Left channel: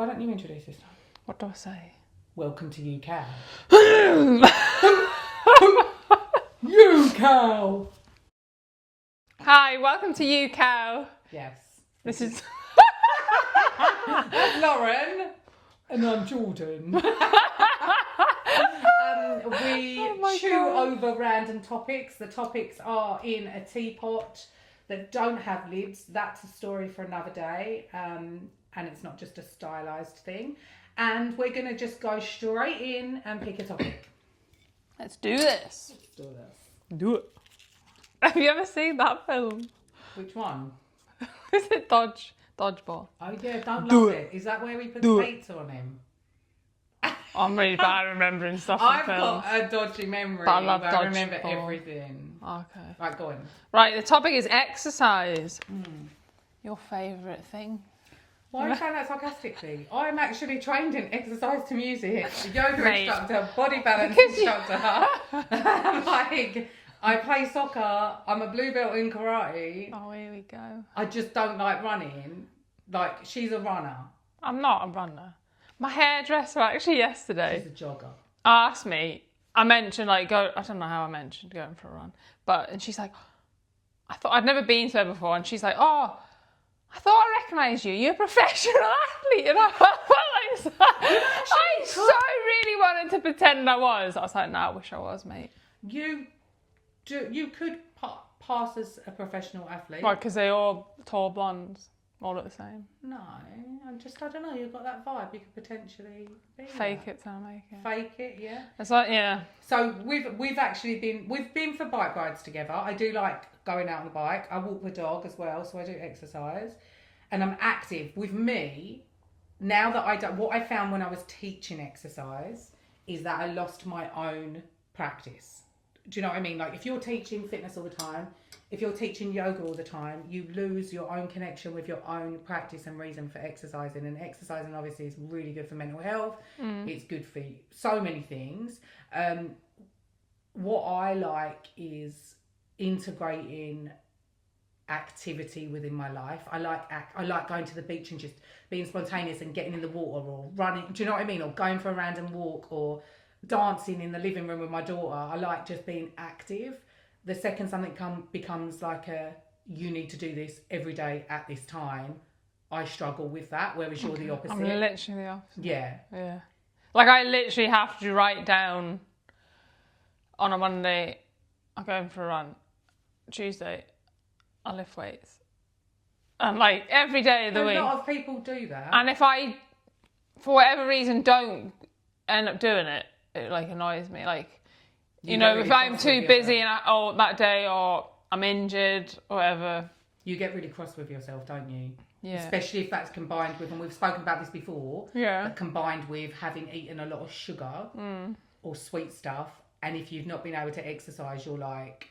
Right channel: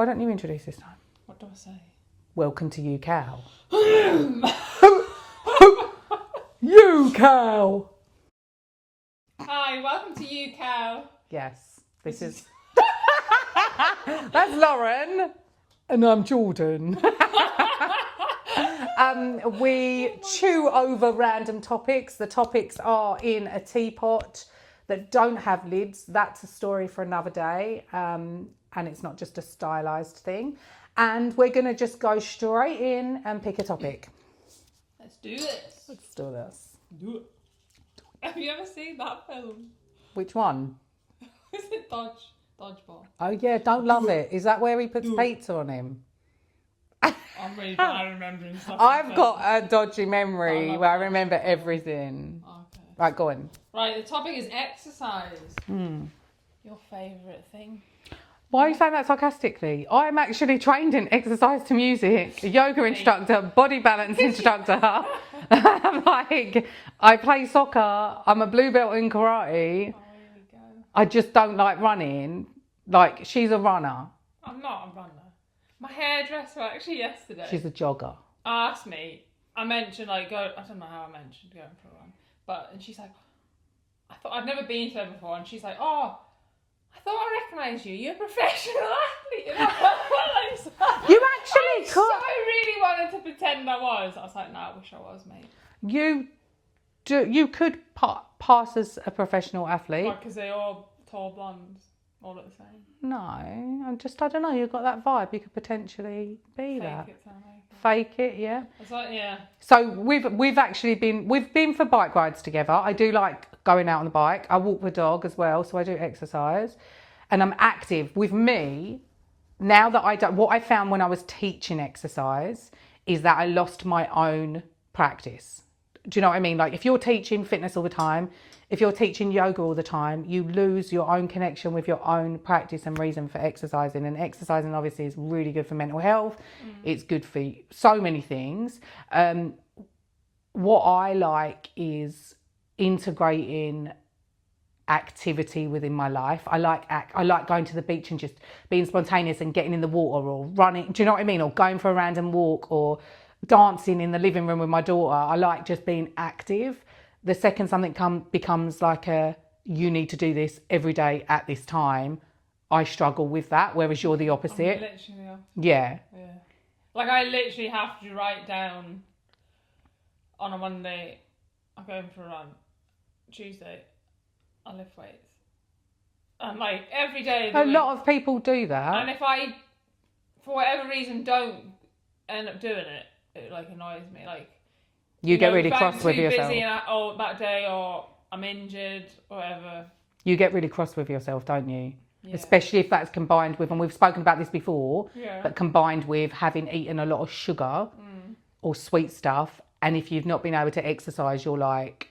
Why don't you introduce this time? What do I say? Welcome to ewecow. Ewecow. Hi, welcome to ewecow. Yes. This is That's Lauren. And I'm Jordan. We chew over random topics. The topics are in a teapot that don't have lids. That's a story for another day. And it's not just a stylised thing. And we're going to just go straight in and pick a topic. Let's do this. Let's do this. Do it. Have you ever seen that film? Which one? Is it Dodgeball? Oh yeah, don't love it. Is that where he puts pizza on him? I'm really bad at remembering stuff. I've got a dodgy memory where I remember Dodgeball. everything. Okay. Right, go on. Right, the topic is exercise. Your favourite thing? Why are you saying that sarcastically? I'm actually trained in exercise to music, yoga Mate. instructor, body balance instructor. Like, I play soccer. I'm a blue belt in karate. Oh, here we go. I just don't like running. Like, she's a runner. I'm not a runner. My hairdresser actually yesterday She's a jogger. asked me, I mentioned I don't know how I mentioned going for a run, and she's like, I thought I'd never been to her before, and she's like, oh, I thought I recognised you. You're a professional athlete. And I was like, You actually I so really wanted to pretend I was. I was like, no, I wish I was, mate. You could pass as a professional athlete. Why? Because they're all tall blondes, all look the same. No, I don't know. You've got that vibe. You could potentially be Fake that. it till I make it. Fake it, yeah. It's like, yeah. So we've been for bike rides together. I do like going out on the bike. I walk the dog as well, so I do exercise, and I'm active. With me, now that I don't, what I found when I was teaching exercise is that I lost my own practice. Do you know what I mean? Like if you're teaching fitness all the time, if you're teaching yoga all the time, you lose your own connection with your own practice and reason for exercising. And exercising obviously is really good for mental health. It's good for so many things. What I like is integrating activity within my life. I like going to the beach and just being spontaneous and getting in the water or running. Do you know what I mean? Or going for a random walk or dancing in the living room with my daughter. I like just being active. The second something becomes like you need to do this every day at this time, I struggle with that, whereas you're the opposite. I'm literally the opposite. Yeah. Yeah. Like I literally have to write down on a Monday, I'm going for a run. Tuesday, I lift weights. And like every day of the week. A lot of people do that. And if I, for whatever reason, don't end up doing it, it like annoys me. Like, you get really cross with yourself. If I'm too busy that day or I'm injured or whatever. You get really cross with yourself, don't you? Yeah. Especially if that's combined with, and we've spoken about this before, yeah. but combined with having eaten a lot of sugar or sweet stuff. And if you've not been able to exercise, you're like,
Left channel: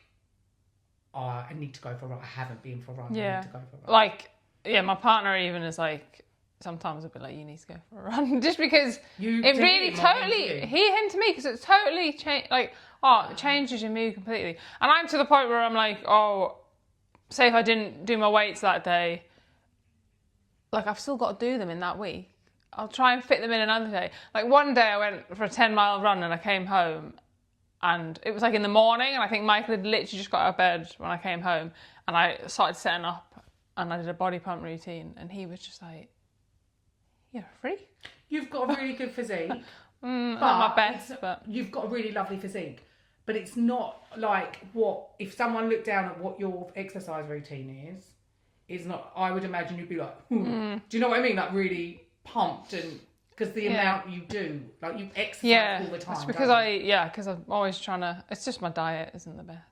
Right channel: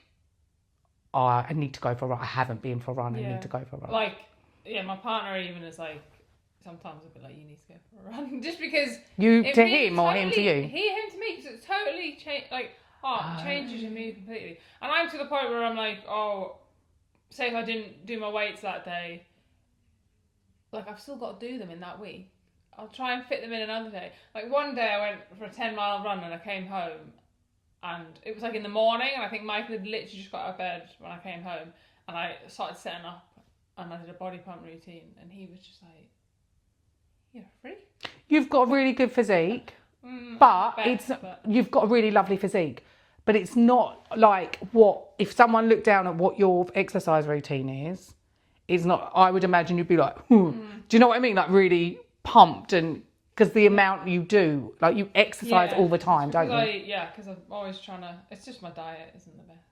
oh, I need to go for a run. I haven't been for a run. I need to go for a run. Like, yeah, my partner even is like, sometimes I'll be like, you need to go for a run. Just because you it to really him or totally, him to you? him to me, because it's totally changed. Like, it changes your mood completely. And I'm to the point where I'm like, say if I didn't do my weights that day, like I've still got to do them in that week. I'll try and fit them in another day. Like one day I went for a 10-mile run and I came home and it was like in the morning and I think Michael had literally just got out of bed when I came home and I started setting up and I did a body pump routine and he was just like, you're a freak. You've got a really good physique, but you've got a really lovely physique. But it's not like if someone looked down at what your exercise routine is, it's not, I would imagine you'd be like, do you know what I mean? Like really pumped and, because the amount you do, like you exercise all the time, because don't you? because I'm always trying to, it's just my diet isn't the best.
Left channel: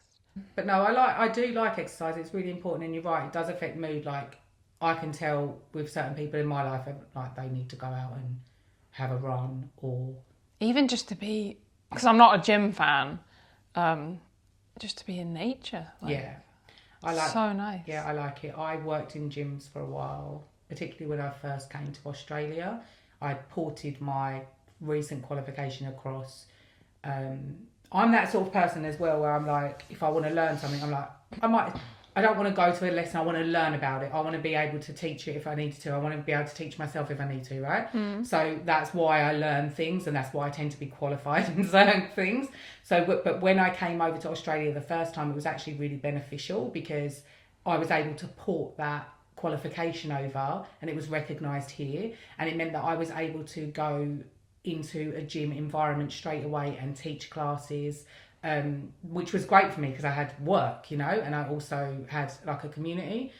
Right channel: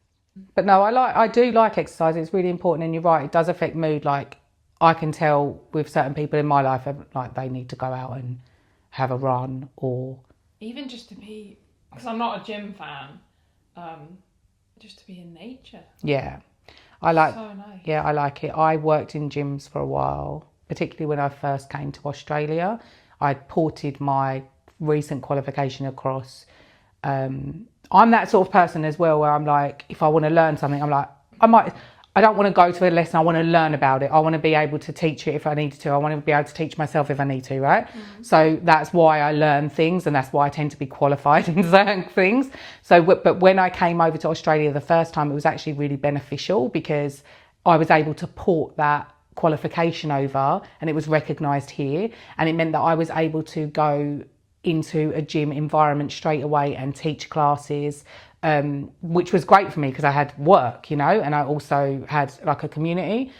But no, I do like exercise. It's really important and you're right, it does affect mood. Like I can tell with certain people in my life, like they need to go out and have a run or... Even just to be, because I'm not a gym fan, just to be in nature. Like, yeah. I like, so nice. Yeah, I like it. I worked in gyms for a while, particularly when I first came to Australia. I ported my recent qualification across. I'm that sort of person as well, where I'm like, if I want to learn something, I'm like, I don't want to go to a lesson. I want to learn about it. I want to be able to teach it if I need to. I want to be able to teach myself if I need to, right? So that's why I learn things, and that's why I tend to be qualified in certain things. So, but when I came over to Australia the first time, it was actually really beneficial because I was able to port that qualification over, and it was recognised here, and it meant that I was able to go into a gym environment straight away and teach classes, which was great for me because I had work, and I also had like a community.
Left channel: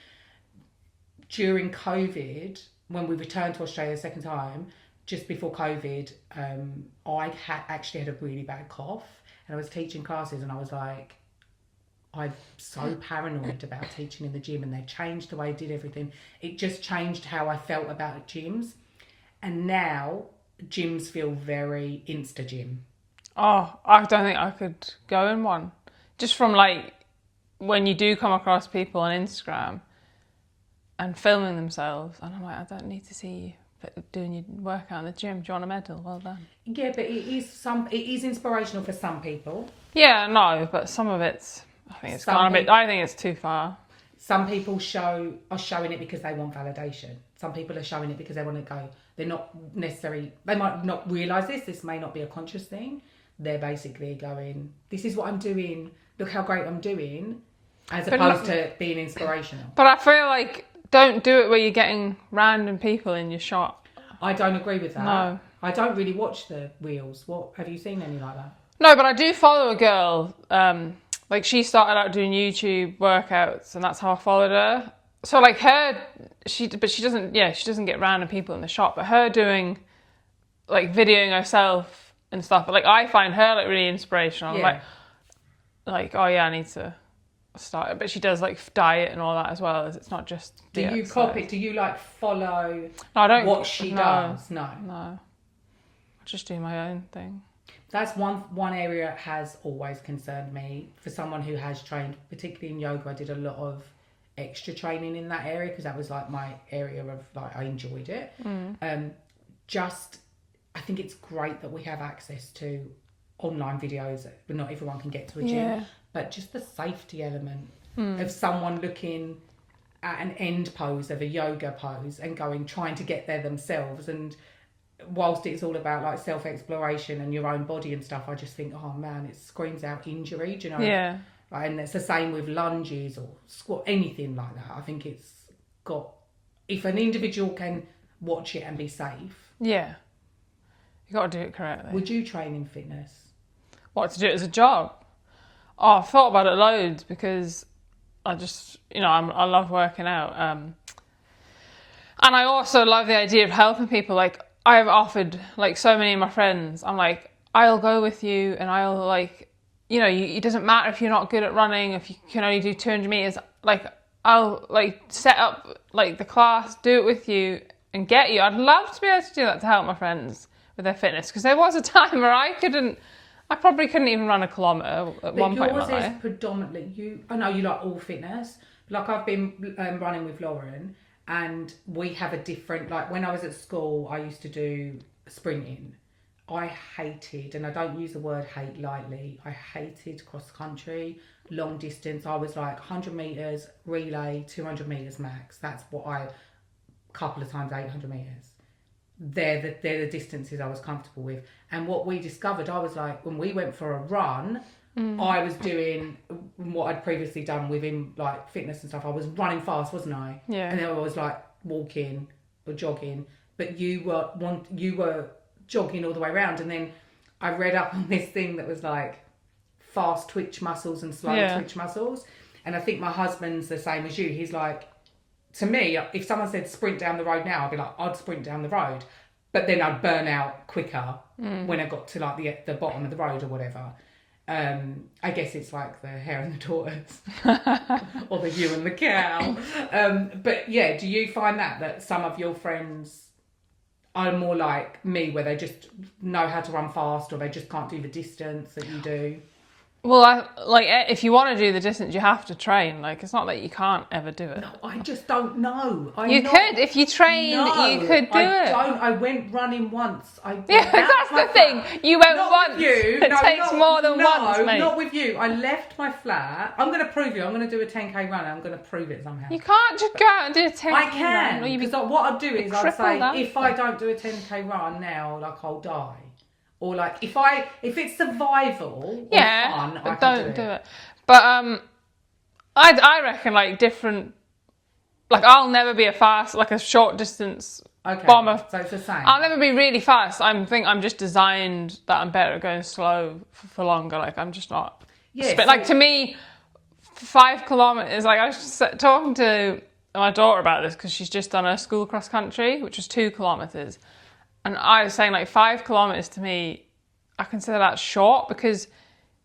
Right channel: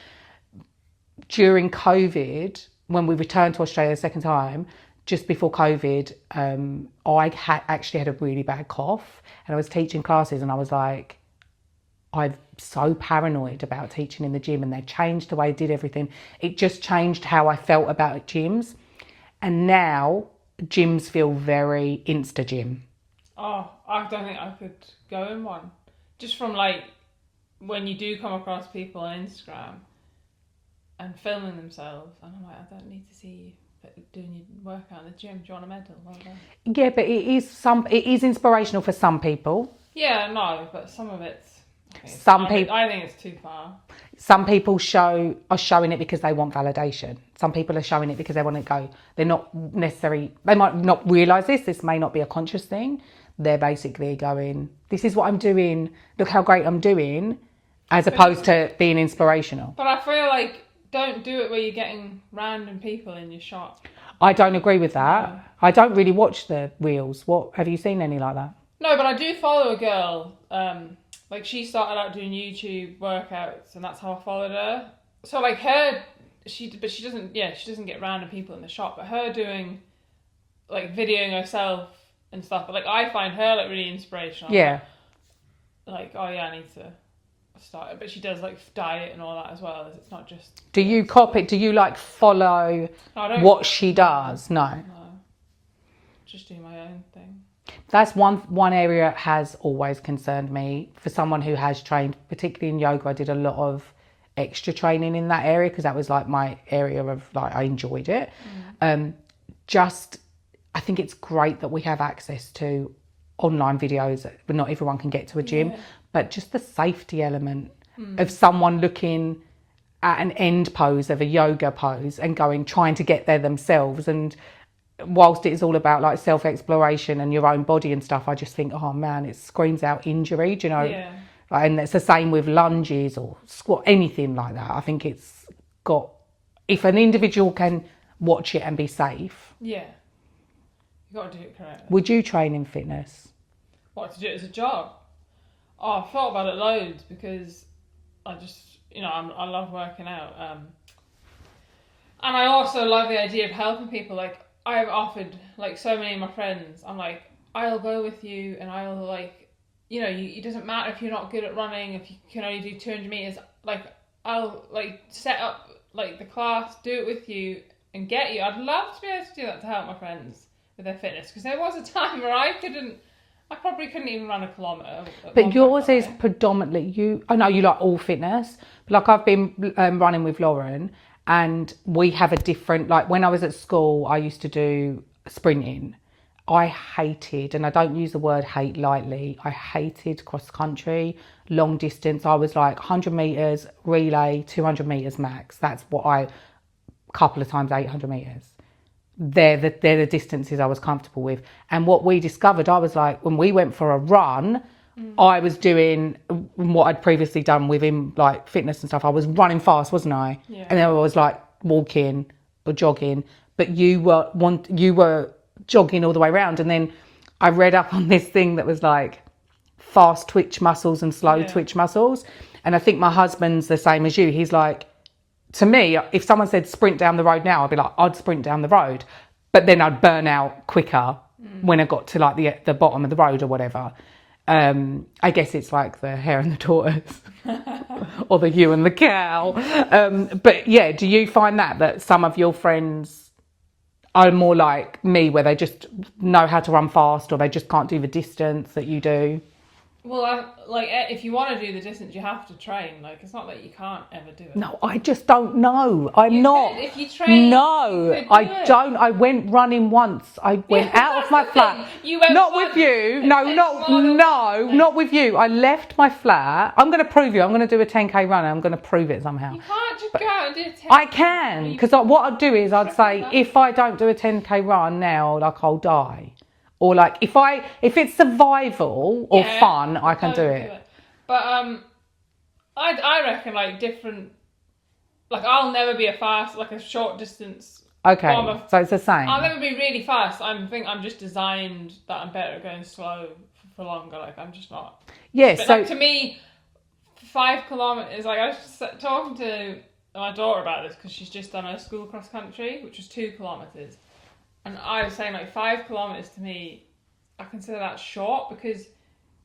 During COVID, when we returned to Australia the second time, just before COVID, I actually had a really bad cough, and I was teaching classes, and I was like, I'm so paranoid about teaching in the gym, and they've changed the way I did everything. It just changed how I felt about gyms, and now gyms feel very Insta Gym. Oh, I don't think I could go in one. Just from like when you do come across people on Instagram and filming themselves, and I'm like, I don't need to see you doing your workout in the gym. Do you want a medal? Well done. Yeah, but it is inspirational for some people. Yeah, no, but some of it's, I think it's too far. Some people are showing it because they want validation. Some people are showing it because they want to go. They're not necessarily, they might not realise this may not be a conscious thing. They're basically going, this is what I'm doing, look how great I'm doing, as opposed to being inspirational. But I feel like, don't do it where you're getting random people in your shop. I don't agree with that. No. I don't really watch the reels. What, have you seen any like that? No, but I do follow a girl, like she started out doing YouTube workouts, and that's how I followed her. So like she doesn't get random people in the shop, but her doing like videoing herself and stuff. But like I find her like really inspirational. Yeah. Like oh yeah, I need to start it. But she does like diet and all that as well. It's not just. Do you copy? Do you like follow what she does? No. Just do my own thing. That's one area has always concerned me. For someone who has trained, particularly in yoga, I did a lot of extra training in that area because that was like my area of like I enjoyed it. I think it's great that we have access to online videos, but not everyone can get to a gym. Yeah. But just the safety element of someone looking at an end pose of a yoga pose and trying to get there themselves. And whilst it is all about like self-exploration and your own body and stuff, I just think, oh man, it screams out injury, do you know? Yeah. And it's the same with lunges or squat, anything like that. I think it's got, if an individual can watch it and be safe. Yeah. You got to do it correctly. Would you train in fitness? What, to do it as a job? Oh, I've thought about it loads because I just, I love working out. And I also love the idea of helping people. Like, I've offered, like, so many of my friends, I'm like, I'll go with you and I'll, like, it doesn't matter if you're not good at running, if you can only do 200 meters, like, I'll, like, set up, like, the class, do it with you and get you. I'd love to be able to do that to help my friends with their fitness, because there was a time where I probably couldn't even run a kilometre. But yours is predominantly, I know you like all fitness, but like I've been running with Lauren, and we have a different, like when I was at school, I used to do sprinting. I hated, and I don't use the word hate lightly, I hated cross country, long distance. I was like 100 metres, relay, 200 metres max. That's what a couple of times 800 metres. They're the distances I was comfortable with. And what we discovered, I was like, when we went for a run, I was doing what I'd previously done within like fitness and stuff. I was running fast, wasn't I? Yeah. And then I was like walking or jogging, but you were jogging all the way around. And then I read up on this thing that was like fast twitch muscles and slow twitch muscles. And I think my husband's the same as you. He's like, to me, if someone said sprint down the road now, I'd be like, I'd sprint down the road. But then I'd burn out quicker when I got to like the bottom of the road or whatever. I guess it's like the hare and the tortoise or the ewe and the cow. But yeah, do you find that some of your friends are more like me, where they just know how to run fast or they just can't do the distance that you do? Well, if you want to do the distance, you have to train. Like, it's not that you can't ever do it. No, I just don't know. You could, if you trained, you could do I it. don't. I went running once. I went out of my that's the flat. thing. You went not once. with you. It No, takes not more than once, mate. not with you. I left my flat. I'm going to prove you. I'm going to do a 10k run. And I'm going to prove it somehow. You can't just go out and do a 10k I can, because what I'd do is I'd say that. if I don't do a 10k run now, like I'll die, or like if it's survival or fun, I can do it. But I reckon like different. Like I'll never be a short distance. Okay, bomber. so it's the same. I'll never be really fast. I think I'm just designed that I'm better at going slow for longer. Like I'm just not. Yeah. But like to me, 5 kilometers. Like I was just talking to my daughter about this because she's just done her school cross country, which was 2 kilometers, and I was saying like 5 kilometers to me, I consider that short because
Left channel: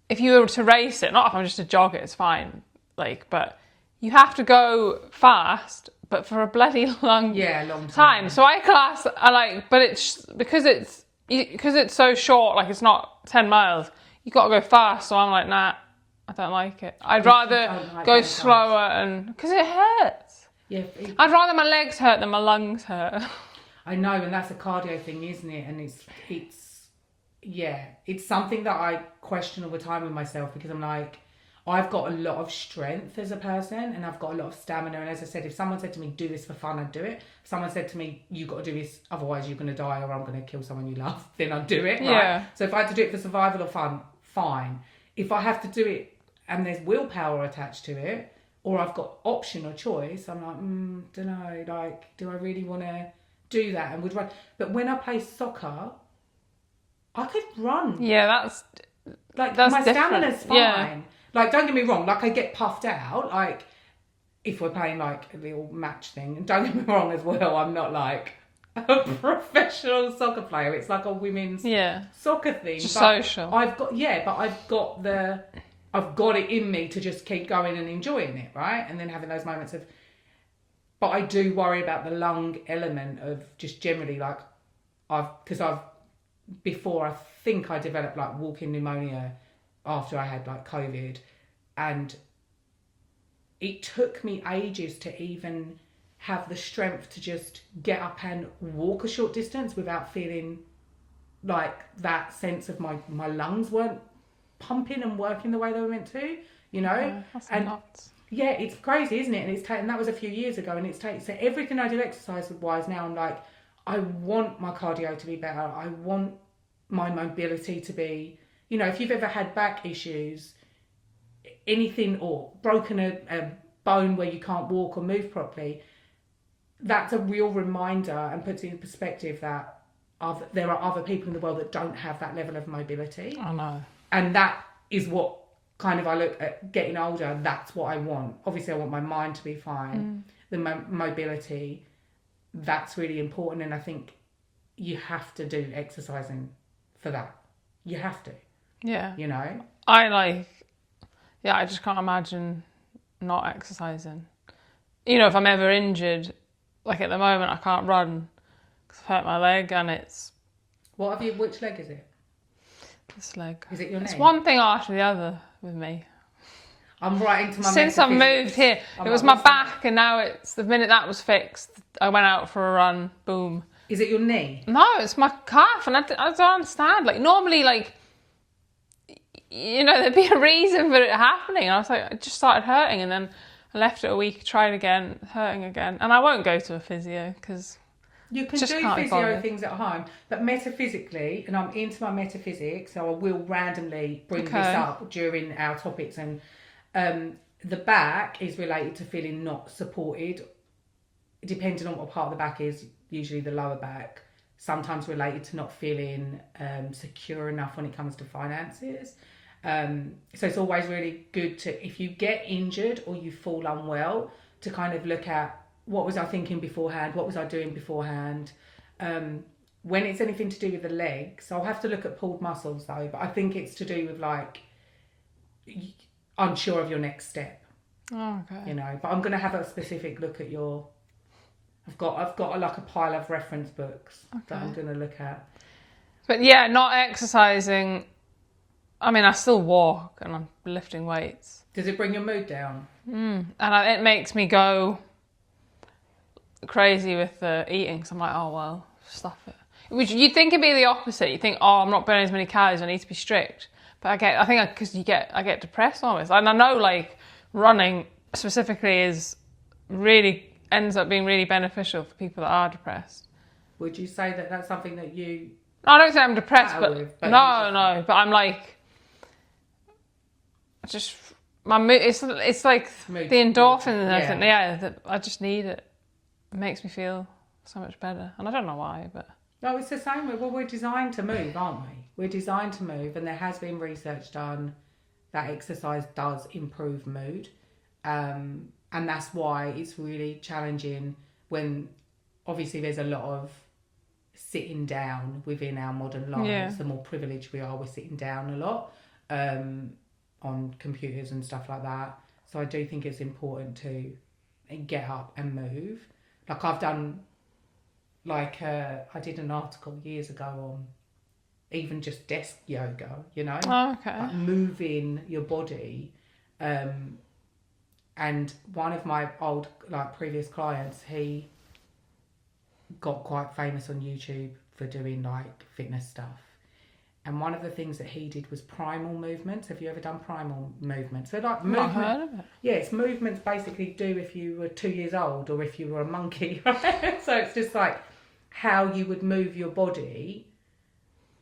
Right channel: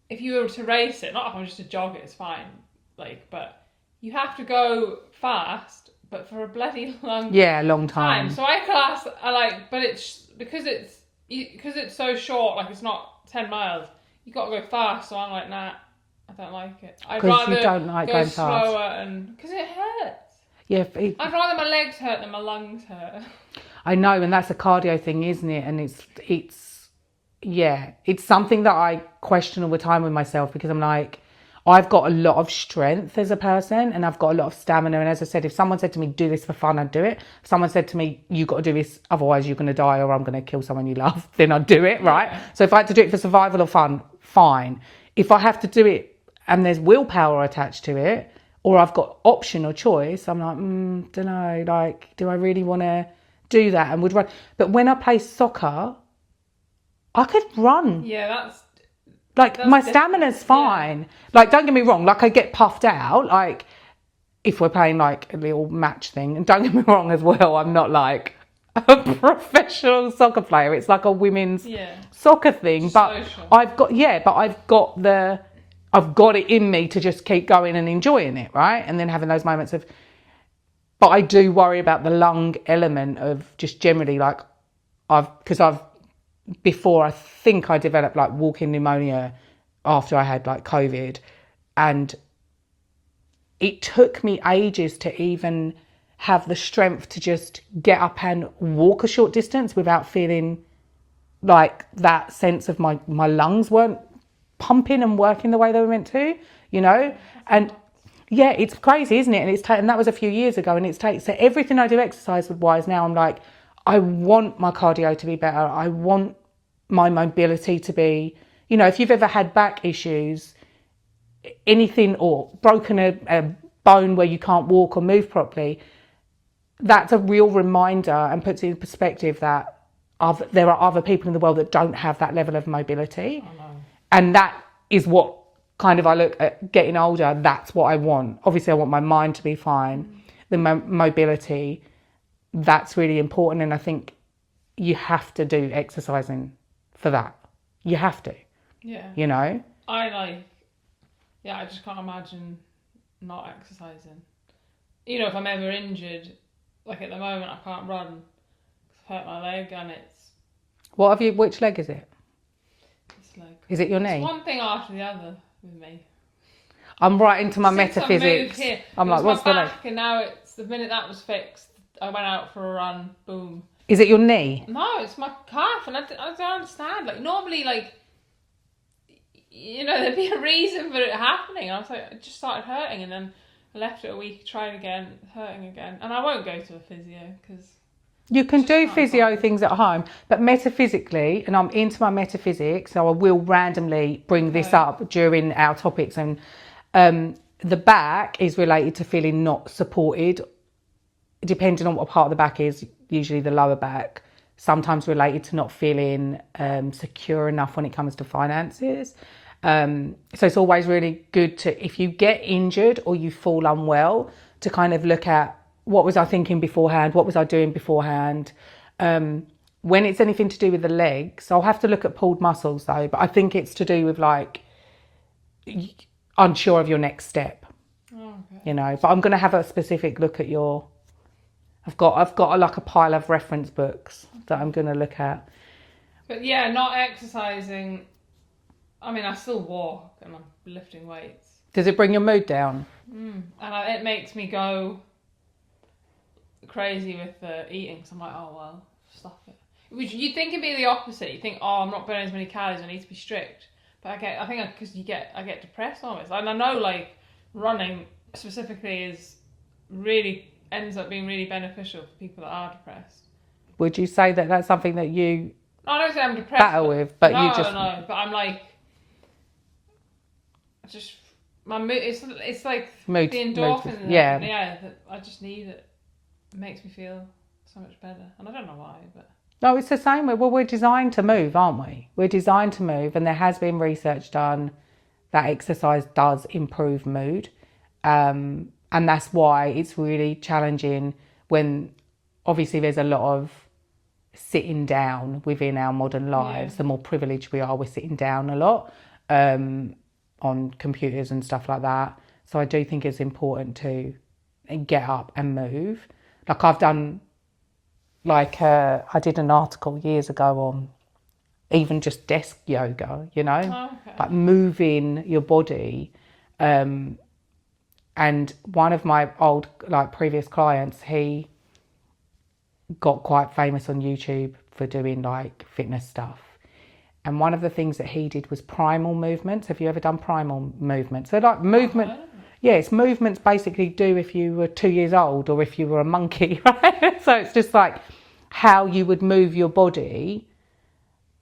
if you were to race it, not if I'm just to jog it, it's fine. Like, but you have to go fast, but for a bloody long time. So but it's because it's so short. Like it's not 10 miles. You got to go fast. So I'm like, nah, I don't like it. I'd rather go slower and because it hurts. Yeah, I'd rather my legs hurt than my lungs hurt. I know, and that's a cardio thing, isn't it? And it's something that I question all the time with myself because I'm like, I've got a lot of strength as a person and I've got a lot of stamina. And as I said, if someone said to me, do this for fun, I'd do it. If someone said to me, you got to do this, otherwise you're going to die or I'm going to kill someone you love, then I'd do it, right? Yeah. So if I had to do it for survival or fun, fine. If I have to do it and there's willpower attached to it, or I've got option or choice, I'm like, don't know, like, do I really want to do that and would run? But when I play soccer, I could run. Yeah, that's my stamina's fine. Yeah. Like, don't get me wrong, like I get puffed out, like if we're playing like a little match thing, and don't get me wrong as well, I'm not like a professional soccer player. It's like a women's soccer thing. Just but social. I've got it in me to just keep going and enjoying it, right? And then having those moments of, but I do worry about the lung element of just generally like before I think I developed like walking pneumonia after I had like COVID, and it took me ages to even have the strength to just get up and walk a short distance without feeling like that sense of my lungs weren't pumping and working the way they were meant to, you know? And nuts. Yeah, it's crazy, isn't it? And that was a few years ago, and so everything I do exercise wise now, I'm like, I want my cardio to be better. I want my mobility to be, you know, if you've ever had back issues, anything, or broken a bone where you can't walk or move properly, that's a real reminder and puts it in perspective that there are other people in the world that don't have that level of mobility. I know. And that is what kind of I look at getting older, that's what I want. Obviously, I want my mind to be fine. The mobility, that's really important. And I think you have to do exercising for that. You have to. Yeah. You know? I just can't imagine not exercising. You know, if I'm ever injured, like at the moment, I can't run because I've hurt my leg and it's... Which leg is it? This leg. Is it your knee? It's one thing after the other with me. I'm right into my metaphysics. Since I moved here, it was my back, and now it's the minute that was fixed, I went out for a run, boom. Is it your knee? No, it's my calf, and I don't understand. Like normally, like, you know, there'd be a reason for it happening. And I was like, it just started hurting, and then I left it a week, tried again, hurting again, and I won't go to a physio because you can do physio things at home, but metaphysically, and I'm into my metaphysics, so I will randomly bring this up during our topics, and the back is related to feeling not supported, depending on what part of the back is, usually the lower back, sometimes related to not feeling secure enough when it comes to finances. So it's always really good to, if you get injured or you fall unwell, to kind of look at, what was I thinking beforehand? What was I doing beforehand? When it's anything to do with the legs, I'll have to look at pulled muscles though, but I think it's to do with like, unsure of your next step. Oh, okay. You know, but I'm going to have a specific look at your, I've got like a pile of reference books that I'm going to look at. But yeah, not exercising, I mean, I still walk and I'm lifting weights. Does it bring your mood down? And it makes me go crazy with the eating. So I'm like, oh, well, stuff it. Which you'd think it'd be the opposite. You think, oh, I'm not burning as many calories, I need to be strict. But I get depressed always. And I know, like, running specifically ends up being really beneficial for people that are depressed. Would you say that that's something that you I don't say I'm depressed, but no, you just... no. But I'm like, just my mood. It's like mood, the endorphins. yeah. That I just need it. It makes me feel so much better, and I don't know why, but no, it's the same. Well, we're designed to move, aren't we? We're designed to move, and there has been research done that exercise does improve mood, and that's why it's really challenging when obviously there's a lot of sitting down within our modern lives. Yeah. The more privileged we are, we're sitting down a lot on computers and stuff like that. So I do think it's important to get up and move. Like I've done, I did an article years ago on even just desk yoga, you know, like moving your body. And one of my old, previous clients, he got quite famous on YouTube for doing fitness stuff. And one of the things that he did was primal movements. Have you ever done primal movements? So movement, I've heard of it. Yeah, it's movements basically do if you were 2 years old or if you were a monkey, right? So it's just like how you would move your body,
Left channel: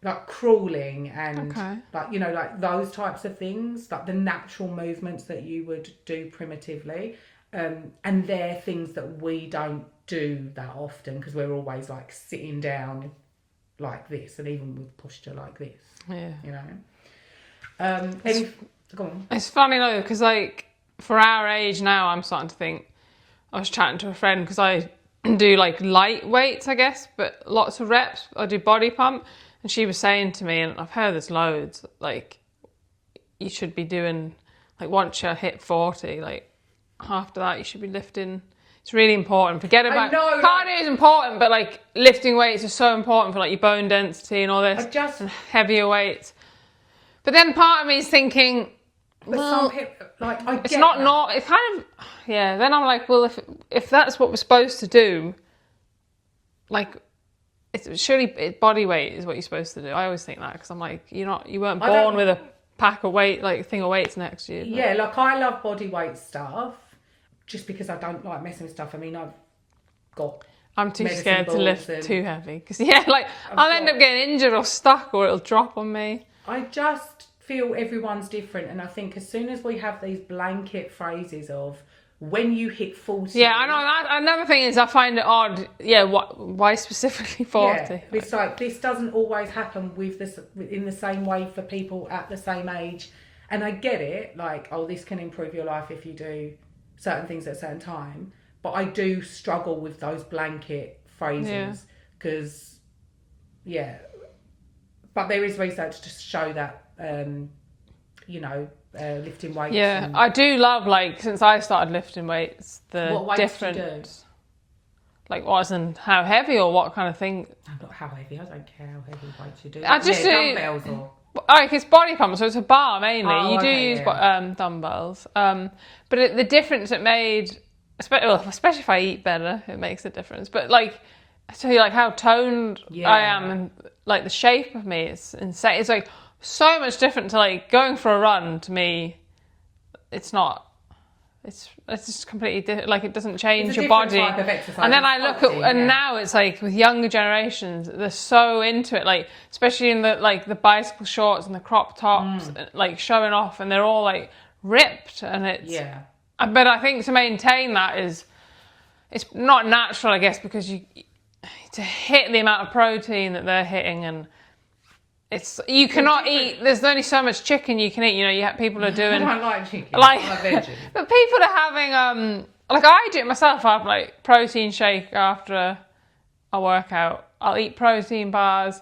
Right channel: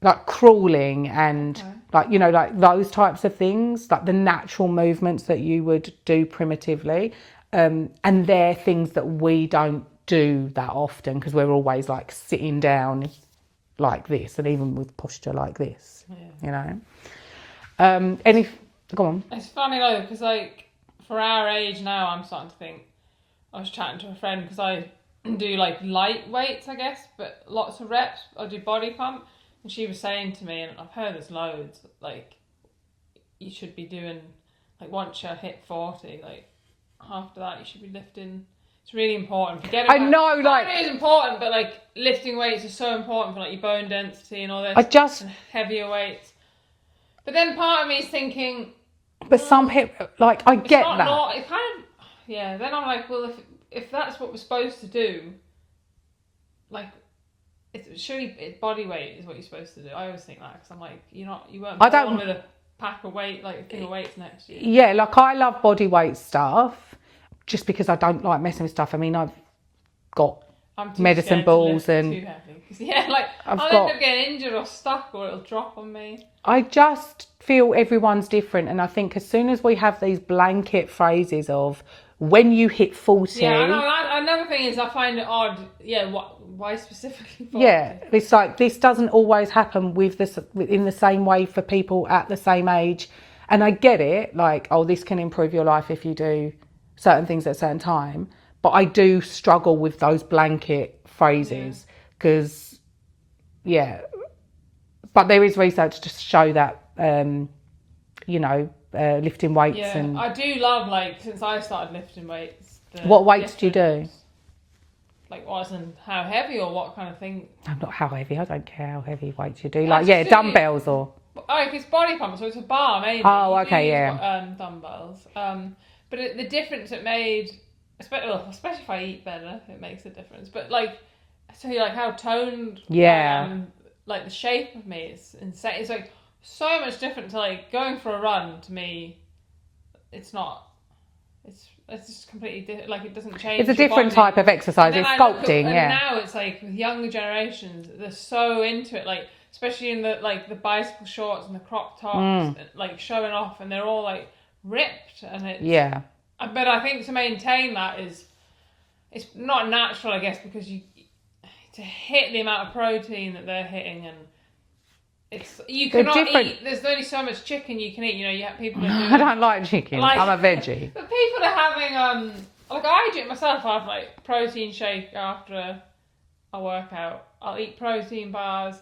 like crawling and those types of things, like the natural movements that you would do primitively. And they're things that we don't do that often because we're always sitting down like this, and even with posture like this, you know. Go on. It's funny though, because for our age now, I'm starting to think. I was chatting to a friend because I do light weights, I guess, but lots of reps. I do body pump, and she was saying to me, and I've heard this loads, you should be doing once you hit 40, after that you should be lifting. It's really important. Forget about cardio is important, but lifting weights is so important for your bone density and all this. And heavier weights. But then part of me is thinking, but some people I get it's not that. Not. It kind of Then I'm like, well, if that's what we're supposed to do, it's surely body weight is what you're supposed to do. I always think that because I'm like, you weren't born with a pack of weight thing of weights next to you. Yeah, I love body weight stuff. Just because I don't like messing with stuff. I mean, I've got medicine balls to lift and too heavy because I'll end up getting injured or stuck, or it'll drop on me. I just feel everyone's different, and I think as soon as we have these blanket phrases of when you hit 40, yeah, I know. Another thing is I find it odd. Yeah, why specifically 40? Yeah, it's this doesn't always happen in the same way for people at the same age, and I get it. This can improve your life if you do certain things at a certain time, but I do struggle with those blanket phrases because but there is research to show that lifting weights. Yeah, I do love since I started lifting weights. What weights do you do? What and how heavy or what kind of thing? No, not how heavy. I don't care how heavy weights you do. Dumbbells or it's body pump, so it's a bar mainly. You do use dumbbells. But the difference it made, especially if I eat better, it makes a difference. But I tell you, how toned I am, and the shape of me is insane. It's so much different to going for a run. To me, it's not. It's just completely different. It doesn't change. It's a your different body. type of exercise. And then it's sculpting, and now it's with younger generations, they're so into it. Especially in the bicycle shorts and the crop tops, showing off, and they're all ripped, and it's But I think to maintain that it's not natural, I guess, because to hit the amount of protein that they're hitting, and you cannot eat. There's only so much chicken you can eat. You have people are doing. I don't like chicken. I'm a veggie. But people are having I do it myself. I have protein shake after a workout. I'll eat protein bars.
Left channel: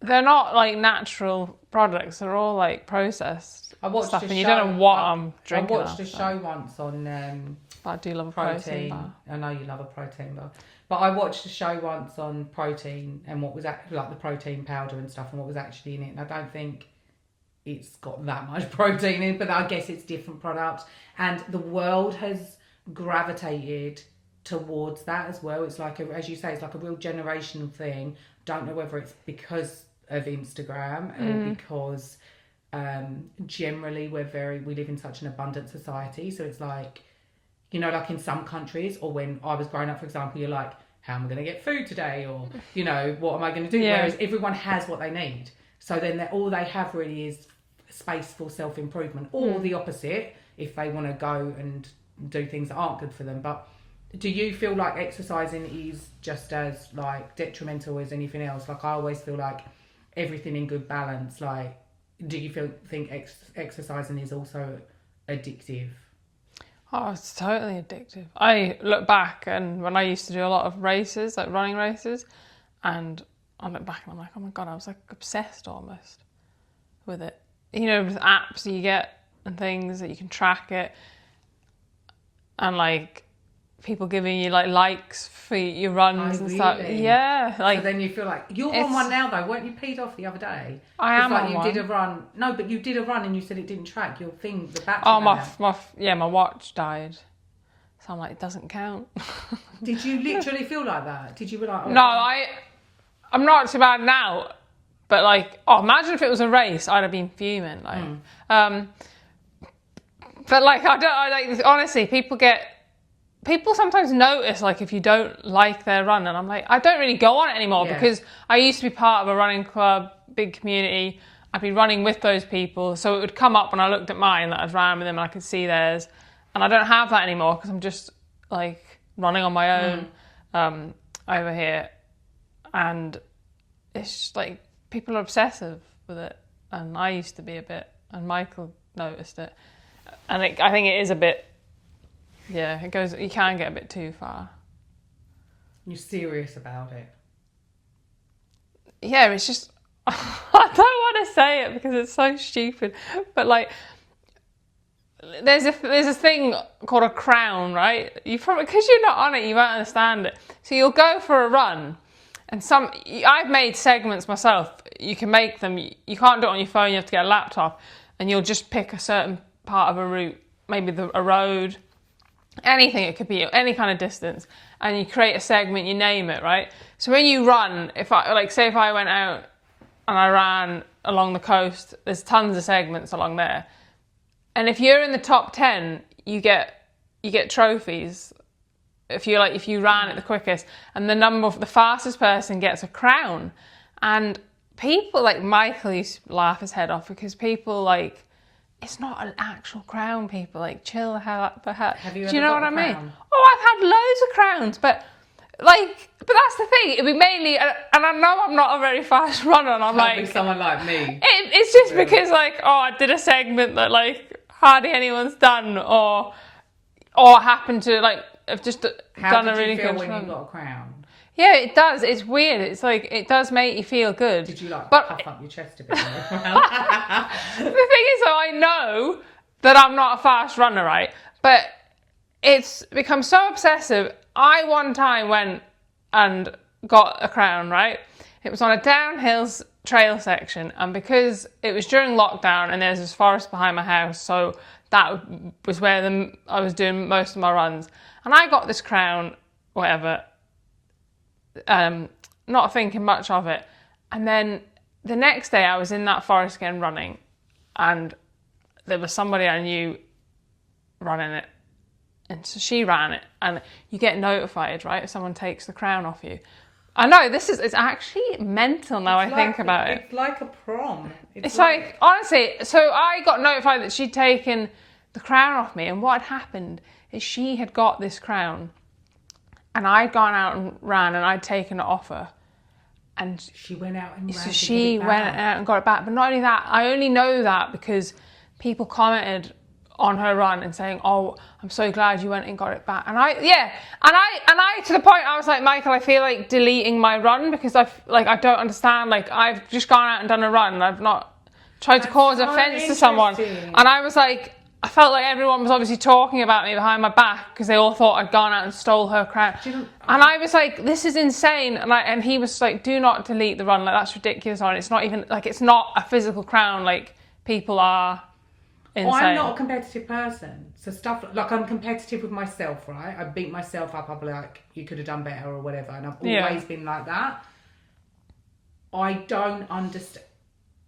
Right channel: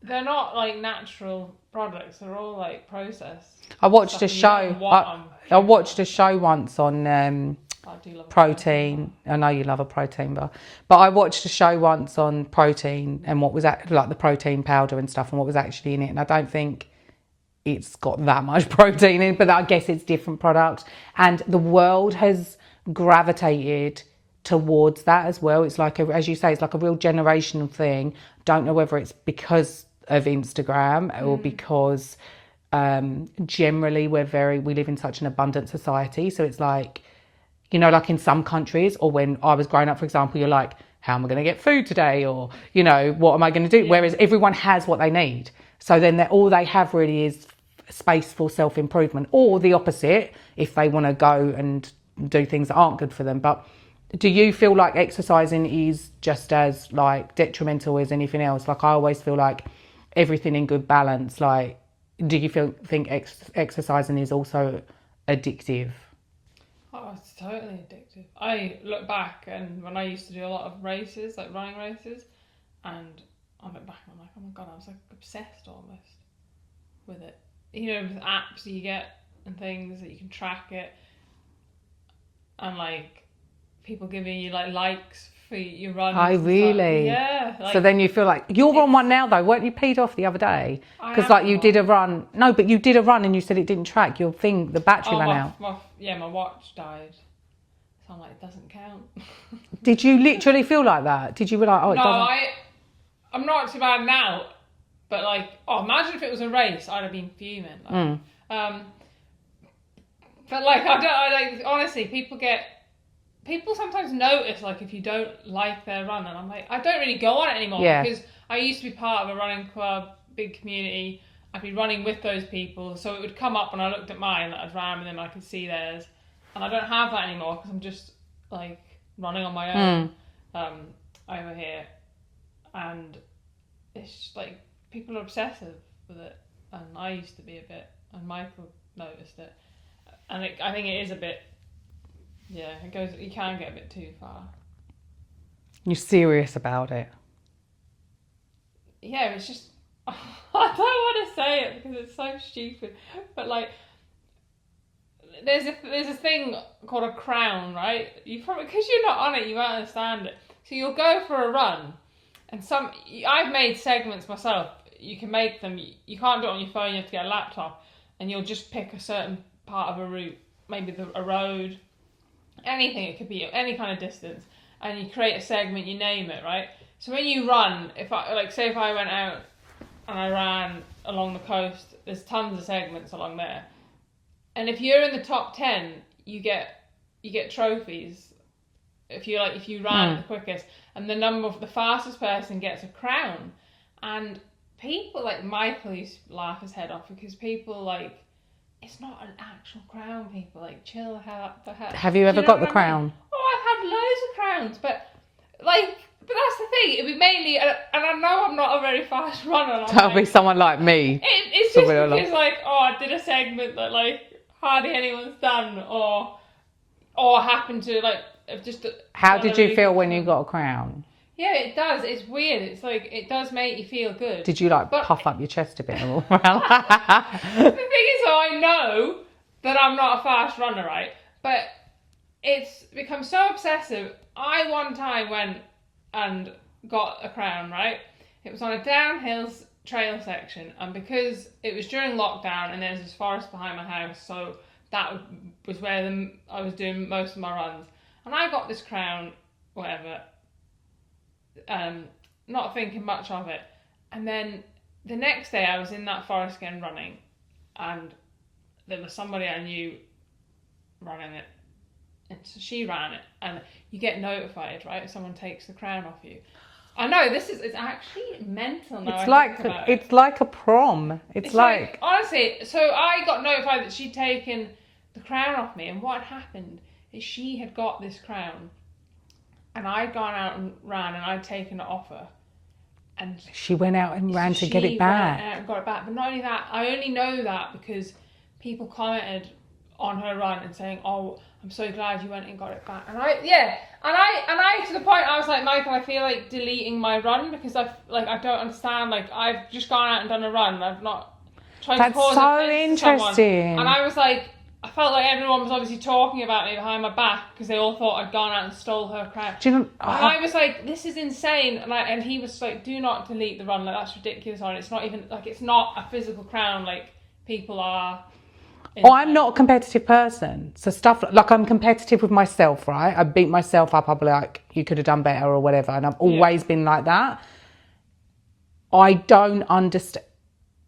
They're not natural products. They're all processed. I watched a show. Don't know what I watched a show once on I do love protein. I know you love a protein bar, but I watched a show once on protein and what was the protein powder and stuff and what was actually in it. And I don't think it's got that much protein in, but I guess it's different products. And the world has gravitated towards that as well. It's like, as you say, it's like a real generational thing. Don't know whether it's because of Instagram or because generally we live in such an abundant society. So it's like, you know, like in some countries, or when I was growing up, for example, you're like, how am I going to get food today? Or, you know, what am I going to do? Yeah. Whereas everyone has what they need. So then all they have really is space for self-improvement, or the opposite, if they want to go and do things that aren't good for them. But do you feel like exercising is just as like detrimental as anything else? Like, I always feel like everything in good balance. Like, do you think exercising is also addictive? Oh, it's totally addictive. I look back, and when I used to do a lot of races, like running races, and I look back and I'm like, oh my God, I was like obsessed almost with it. You know, with apps you get and things that you can track it, and like people giving you like likes for your runs. Oh, and really? stuff. Yeah. Like, so then you feel like you're on one now, though. Weren't you peed off the other day? Because like you did a run. No, but you did a run and you said it didn't track your thing. The battery ran out. My watch died. So I'm like, it doesn't count. Did you literally feel like that? Did you be like, oh, no, I'm not so bad now. But like, imagine if it was a race, I'd have been fuming. Like, but like, honestly, people sometimes notice like if you don't like their run, and I'm like, I don't really go on it anymore because I used to be part of a running club, big community. I'd be running with those people, so it would come up when I looked at mine that I'd ran with them and I could see theirs, and I don't have that anymore because I'm just like running on my own over here, and it's just like people are obsessive with it, and I used to be a bit, and Michael noticed it, and I think it is a bit. Yeah, it goes. You can get a bit too far. You're serious about it? Yeah, it's just. I don't want to say it because it's so stupid, but like, there's a thing called a crown, right? You probably, because you're not on it, you won't understand it. So you'll go for a run, and I've made segments myself. You can make them. You can't do it on your phone. You have to get a laptop, and you'll just pick a certain part of a route, maybe a road. Anything, it could be any kind of distance, and you create a segment, you name it, right? So when you run, if I went out and I ran along the coast, there's tons of segments along there, and if you're in the top 10, you get trophies if you ran it the quickest, and the fastest person gets a crown. And people like Michael used to laugh his head off because people like, it's not an actual crown, people. Like, chill the hell out. Have you ever got the crown? Mean? Oh, I've had loads of crowns, but that's the thing. It'd be mainly, and I know I'm not a very fast runner. That'll be someone like me. It's just because I did a segment that like hardly anyone's done, or happened to like have just. How did you feel when you got a crown? Yeah, it does. It's weird. It's like, it does make you feel good. Did you puff up your chest a bit more? The thing is, though, I know that I'm not a fast runner, right? But it's become so obsessive. I one time went and got a crown, right? It was on a downhill trail section, and because it was during lockdown and there's this forest behind my house, so that was where I was doing most of my runs. And I got this crown, whatever, not thinking much of it, and then the next day I was in that forest again running, and there was somebody I knew running it, and so she ran it, and you get notified, right, if someone takes the crown off you. I know, it's actually mental now. I think about it. It's like a prom. It's like honestly, so I got notified that she'd taken the crown off me, and what had happened is she had got this crown, and I'd gone out and ran, and I'd taken it off her. And she went out and ran to get it She back. went out and got it back. But not only that, I only know that because people commented on her run and saying, "Oh, I'm so glad you went and got it back." And I to the point I was like, Michael, I feel like deleting my run because I don't understand. Like, I've just gone out and done a run, and I've not tried to cause offence to someone. And I was like, I felt like everyone was obviously talking about me behind my back because they all thought I'd gone out and stole her crown. And I was like, this is insane. And he was like, do not delete the run. Like, that's ridiculous. It's not even, like, it's not a physical crown. Like, people are insane. I'm not a competitive person. So stuff like I'm competitive with myself, right? I beat myself up. I'll be like, you could have done better or whatever. And I've always been like that. I don't understand.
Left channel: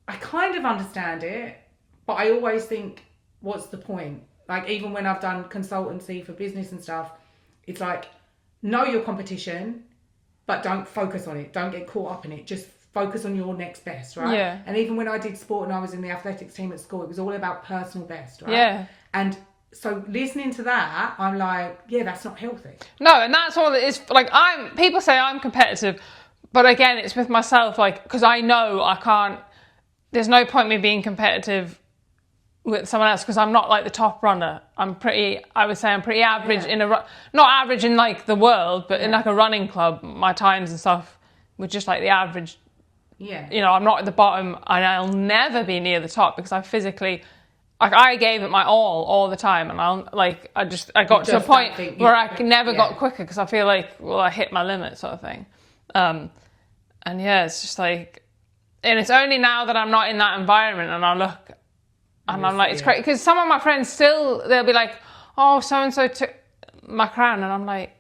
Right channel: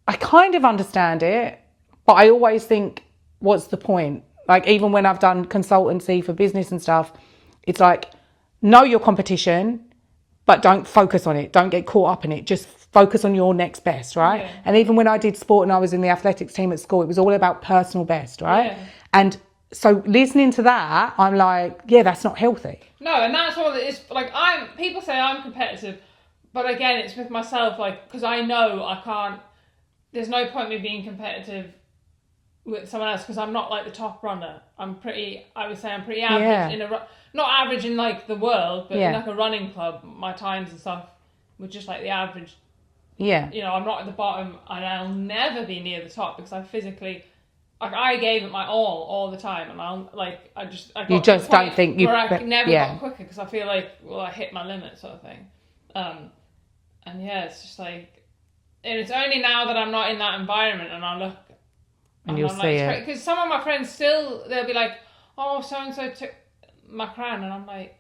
I kind of understand it, but I always think, what's the point? Like, even when I've done consultancy for business and stuff, it's like, know your competition, but don't focus on it. Don't get caught up in it. Just focus on your next best, right? Yeah. And even when I did sport and I was in the athletics team at school, it was all about personal best, right? Yeah. And so listening to that, I'm like, yeah, that's not healthy. No, and that's all it is. Like, people say I'm competitive, but again, it's with myself, like, because I know I can't, there's no point me being competitive with someone else because I'm not like the top runner. I would say I'm pretty average in not average in like the world, but in like a running club, my times and stuff were just like the average. Yeah. You know, I'm not at the bottom and I'll never be near the top because I physically, like, I gave it my all the time, and I got to a point where I never got quicker because I feel like, well, I hit my limit sort of thing. And yeah, it's just like, and it's only now that I'm not in that environment and I look and I'm like, it's crazy. Because some of my friends still, they'll be like, oh, so-and-so took my crown. And I'm like,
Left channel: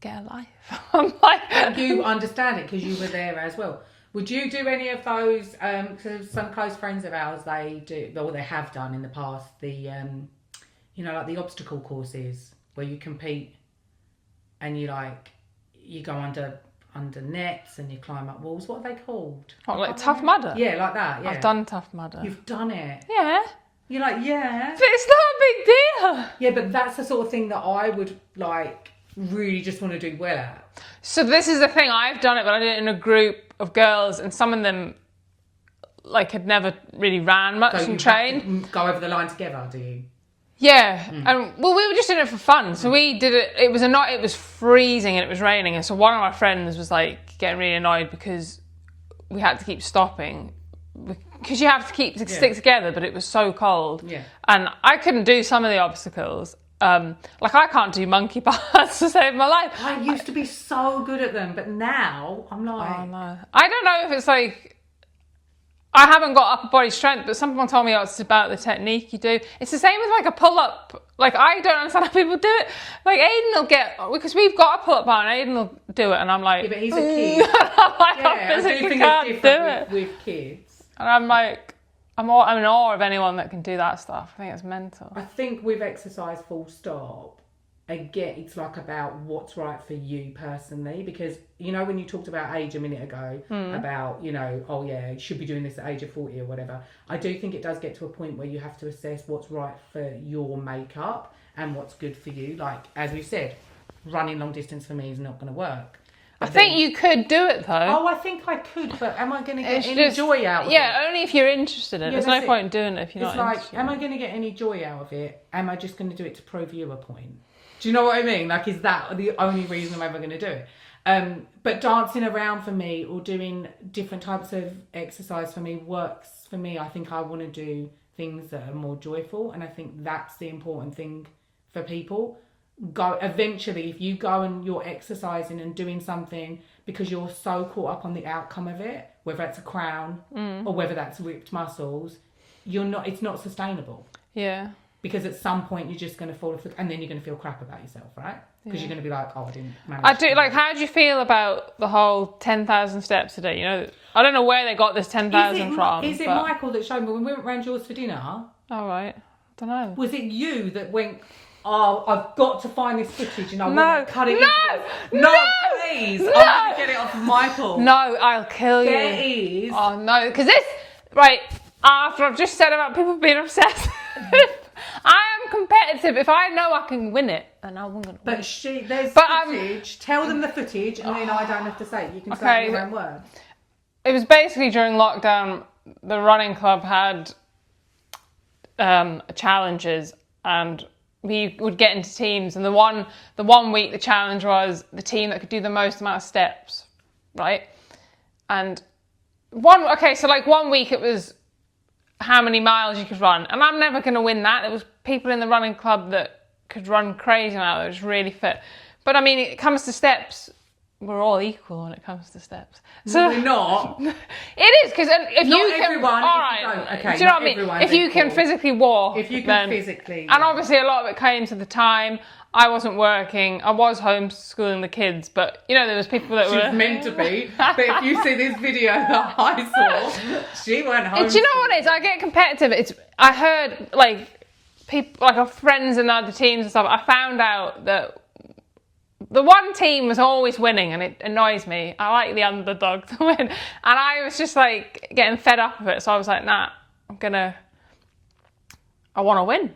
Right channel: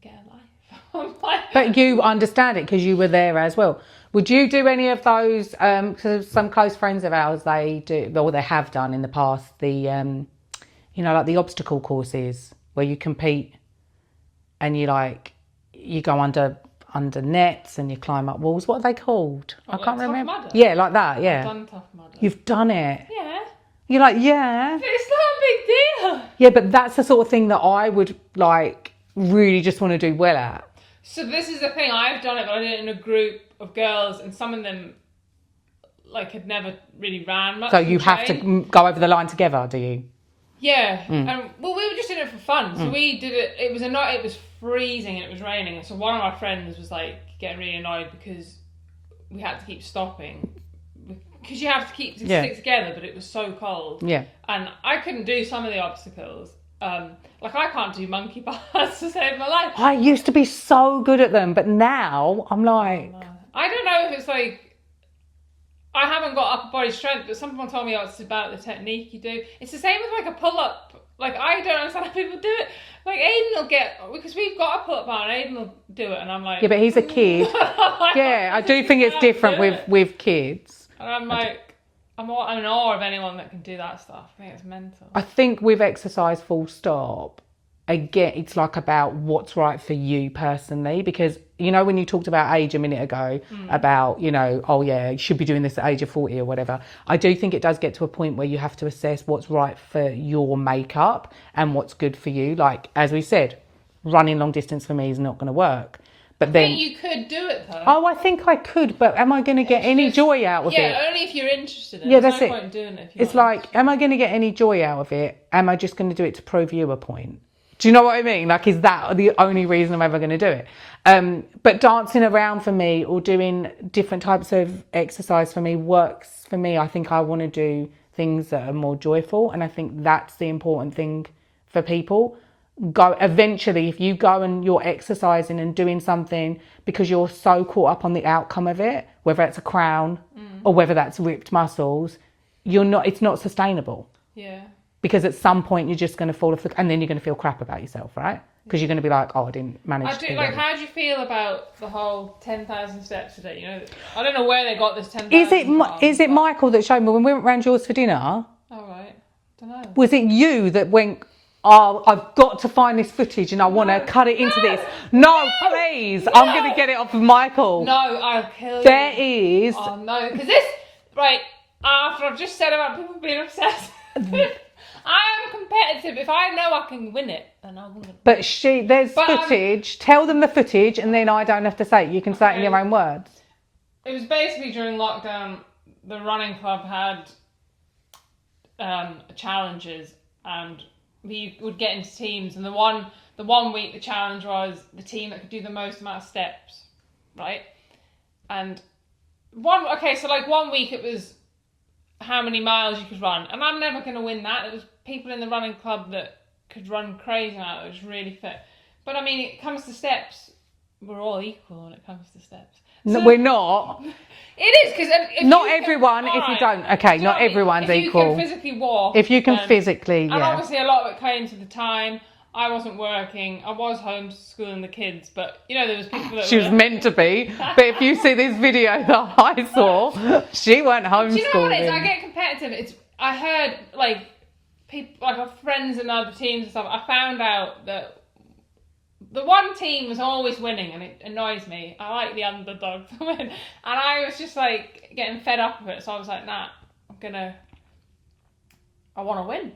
get a life. I'm like... But you understand it because you were there as well. Would you do any of those, because some close friends of ours, they do, or they have done in the past, the, you know, like the obstacle courses where you compete and you go under nets and you climb up walls. What are they called? What, like Tough Mudder? Yeah, like that, yeah. I've done Tough Mudder. You've done it? Yeah. You're like, yeah. But it's not a big deal. Yeah, but that's the sort of thing that I would, like, really just want to do well at. So this is the thing, I've done it, but I did it in a group of girls, and some of them, like, had never really ran much. So you have to go over the line together, do you? Yeah, and well, we were just doing it for fun. So we did it. It was freezing and it was raining, and so one of my friends was like getting really annoyed because we had to keep stopping because you have to keep stick together, but it was so cold. Yeah, and I couldn't do some of the obstacles. Like I can't do monkey bars to save my life. I used to be so good at them, but now I'm like, oh, no. I don't know if it's like. I haven't got upper body strength, but someone told me it's about the technique you do. It's the same with like a pull-up. Like, I don't understand how people do it. Like, Aiden will get, because we've got a pull-up bar and Aiden will do it, and I'm like... Yeah, but he's a kid. Yeah, I do think it's different with kids. And I'm like, I'm in awe of anyone that can do that stuff. I think it's mental. I think with exercise full stop, again, it's like about what's right for you personally, because you know when you talked about age a minute ago about, you know, oh yeah, you should be doing this at age of 40 or whatever. I do think it does get to a point where you have to assess what's right for your makeup and what's good for you. Like, as we said, running long distance for me is not going to work. But I think you could do it though. Oh, I think I could, but am I going to get any joy out of it? Yeah, only if you're interested in it. There's no point in doing it if you're not interested. It's like, am I going to get any joy out of it? Am I just going to do it to prove you a point? Do you know what I mean? Like, is that the only reason I'm ever going to do it? But dancing around for me or doing different types of exercise for me works for me. I think I want to do things that are more joyful. And I think that's the important thing for people. Eventually, if you go and you're exercising and doing something because you're so caught up on the outcome of it, whether it's a crown or whether that's ripped muscles, it's not sustainable. Yeah. Because at some point you're just going to fall off and then you're going to feel crap about yourself, right? Because you're going to be like, oh, I didn't manage to do like, how do you feel about the whole 10,000 steps a day? You know, I don't know where they got this 10,000 from. Is it Michael that showed me when we went round yours for dinner? Oh, right. I don't know. Was it you that went, oh, I've got to find this footage and I want to cut it into this? No, please. No. I'm going to get it off of Michael. No, I'll kill you. There is. Oh, no. Because this, right, after I've just said about people being obsessed I am competitive. If I know I can win it, then I won't. But there's footage. Tell them the footage, and then I don't have to say it. You can say it in your own words. It was basically during lockdown. The running club had challenges, and we would get into teams. And the one week, the challenge was the team that could do the most amount of steps, right? And one week it was how many miles you could run, and I'm never going to win that. There was people in the running club that could run crazy now, that was really fit. But I mean, it comes to steps, we're all equal when it comes to steps. No, we're not. It is, because if Not you can, everyone, if you alright, don't. Okay, do you know not what I mean? everyone's If you equal. can physically walk. If you can then- physically, And yeah. obviously a lot of it came to the time. I wasn't working. I was homeschooling the kids, but you know there was people that She were... was meant to be, but if you see this video that I saw, she weren't homeschooling. Do you know what it is? I get competitive. I heard like people, like our friends and other teams and stuff. I found out that the one team was always winning, and it annoys me. I like the underdog to win, and I was just like getting fed up of it. So I was like, nah, I want to win.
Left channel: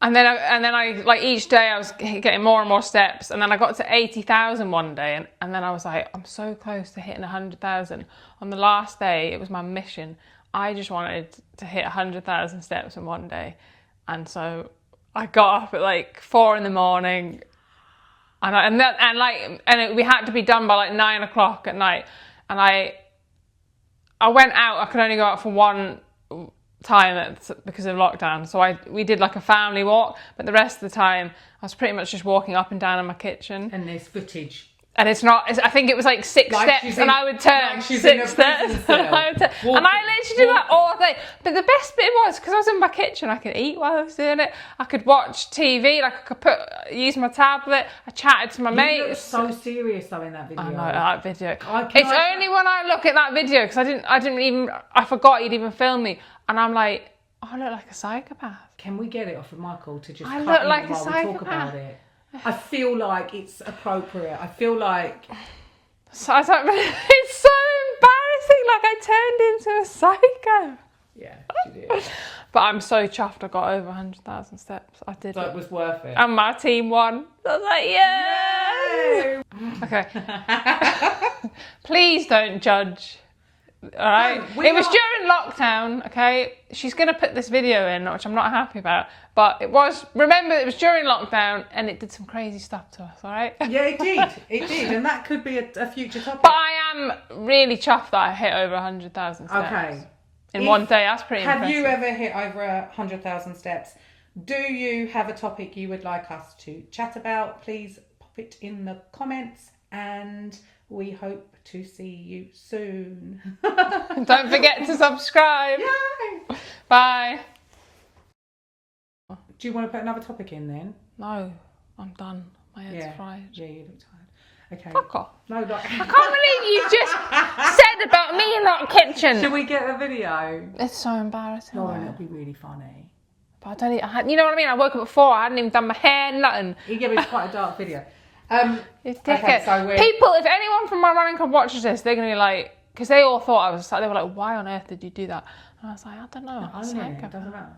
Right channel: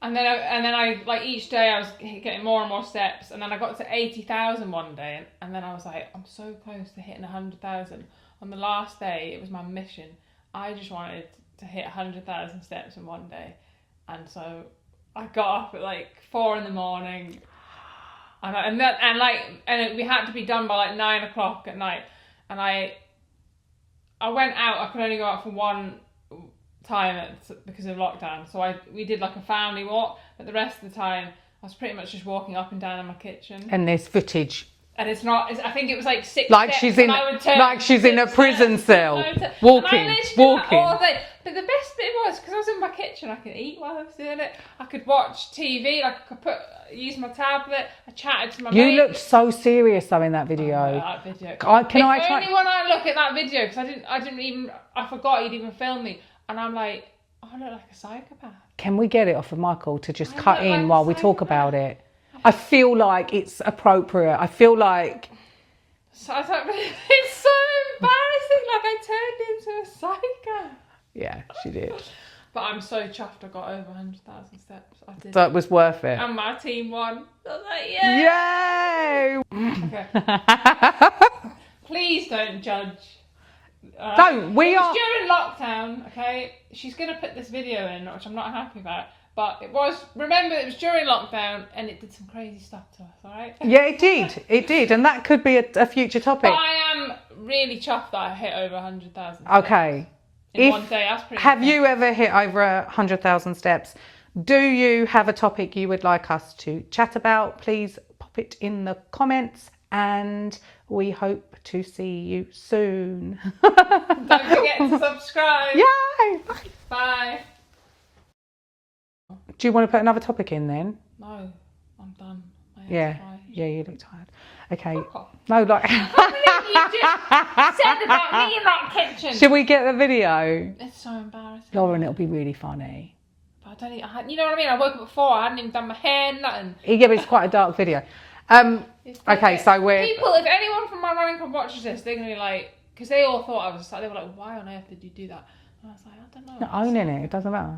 And then I like each day I was getting more and more steps, and then I got to 80,000 one day, and then I was like, I'm so close to hitting 100,000. On the last day, it was my mission. I just wanted to hit 100,000 steps in one day, and so I got up at like 4 a.m, and we had to be done by like 9 o'clock at night, and I went out. I could only go out for one time because of lockdown, so we did like a family walk, but the rest of the time I was pretty much just walking up and down in my kitchen. And there's footage. And it's not, I think it was like 6 Like steps, she's and in, I would turn like she's 6 in a prison steps, cell. and I Walking, literally did that all walking. day. But the best bit was, because I was in my kitchen, I could eat while I was doing it. I could watch TV, like I could use my tablet. I chatted to my mates. You looked so serious though in that video. I know that video. Can I It's try- only when I look at that video, because I forgot you'd even filmed me, and I'm like, oh, I look like a psychopath. Can we get it off of Michael to just I cut look like in a while we talk psychopath. about it? I feel like it's appropriate. I feel like... So I thought, it's so embarrassing, like I turned into a psycho. Yeah, she did. But I'm so chuffed I got over 100,000 steps. I did So it. it was worth it. And my team won. I was like, yay! Yay! Okay. Please don't judge. All right? Don't. It was during lockdown, okay? She's going to put this video in, which I'm not happy about. But remember, it was during lockdown, and it did some crazy stuff to us, all right? Yeah, it did. It did. And that could be a future topic. But I am really chuffed that I hit over 100,000 steps. Okay. In one day, that's pretty Have you impressive. ever hit over 100,000 steps? Do you have a topic you would like us to chat about? Please pop it in the comments, and we hope to see you soon. Don't forget to subscribe. Yay! Bye. Do you want to put another topic in then? No, I'm done. My head's fried. Yeah, you look tired. Okay. Fuck off. No, like. I can't believe you just said about me in that kitchen. Should we get the video? It's so embarrassing. Lauren, it'll be really funny. But I don't even, you know what I mean? I woke up at 4, I hadn't even done my hair, nothing. Yeah, but it's quite a dark video. Okay, so we're... People, if anyone from my running club watches this, they're going to be like, because they all thought I was, they were like, why on earth did you do that? And I was like, I don't know. Not owning it, it doesn't matter.